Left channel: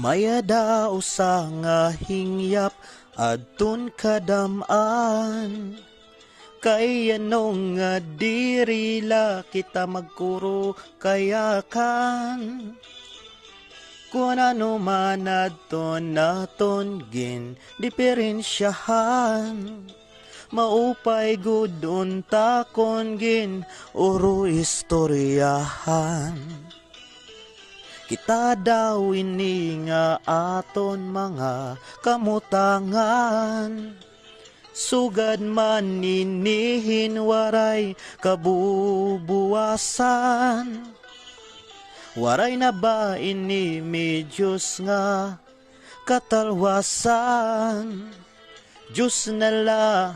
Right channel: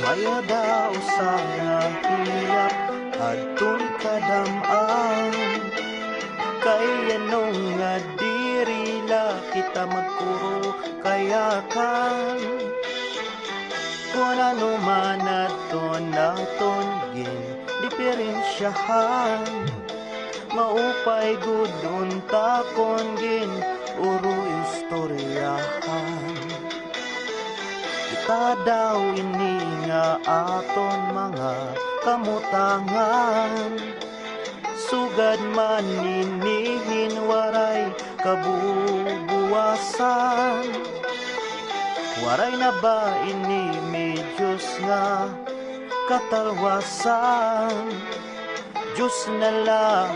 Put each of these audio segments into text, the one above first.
Mayada usa nga hiyap adton kadam-an. Kay anong nga dirila kita magkuro kayakan. Kung ano man adton naton gin diferensyahan. Maupay gudon takon gin uro istoryahan. Kita daw ini nga aton mga kamutangan. Sugad man inihin waray kabubuwasan. Waray na ba ini medyos nga katalwasan. Diyos na la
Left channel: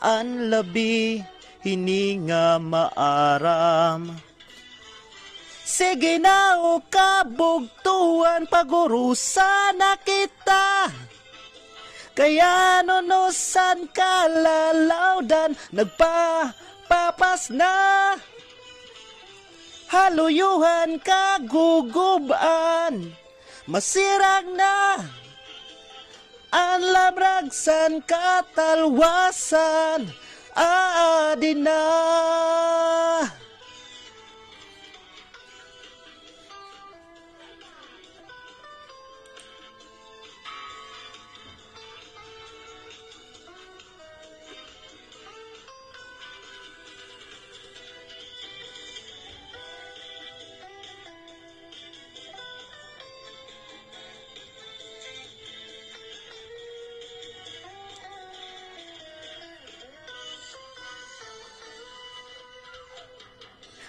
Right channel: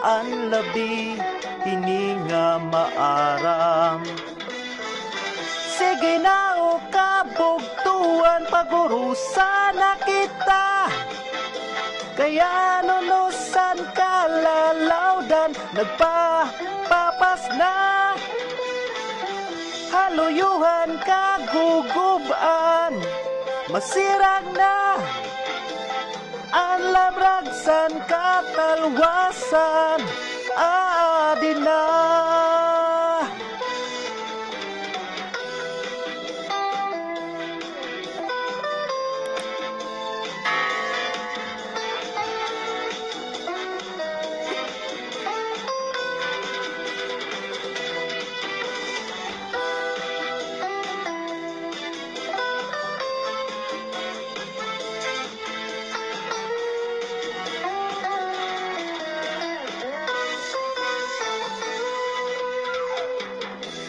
ang labi hininga maaram. Sige na o kabugtuan pagurusan na kita. Kaya nunusan kalalawdan nagpapapas na. Haluyuhan kaguguban masirag na. Ang labragsan katalwasan aadin na.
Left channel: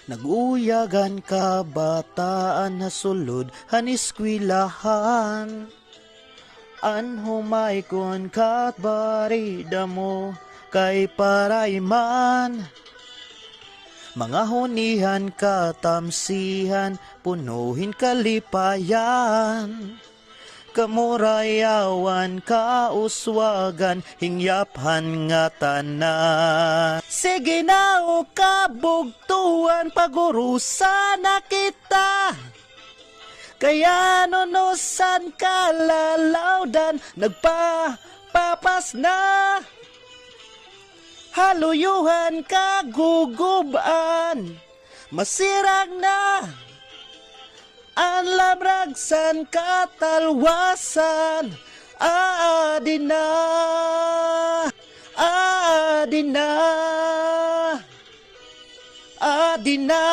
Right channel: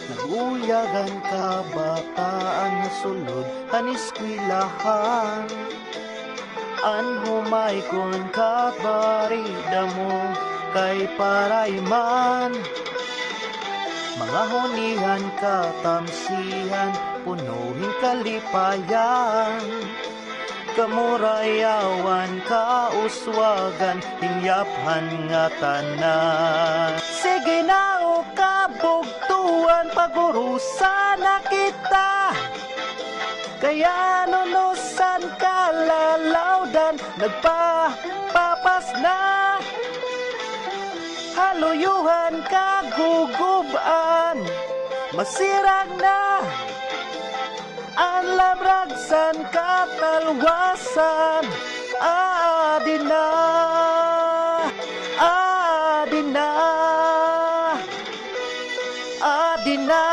Naguyagan kabataan na sulod haniskwelahan. An humay kon kabarida mo kay parayman. Mga hunihan katamsihan punuhin kalipayan. Kamurayawan kauswagan hingyaphan nga tanan. Sige na o kabugtuan pagurusan na kita. Kaya nunusan kalalawdan nagpapapas na. Haluyuhan kaguguban masirag na. Ang labragsan katalwasan aadin na. Aadin na. Aadin na.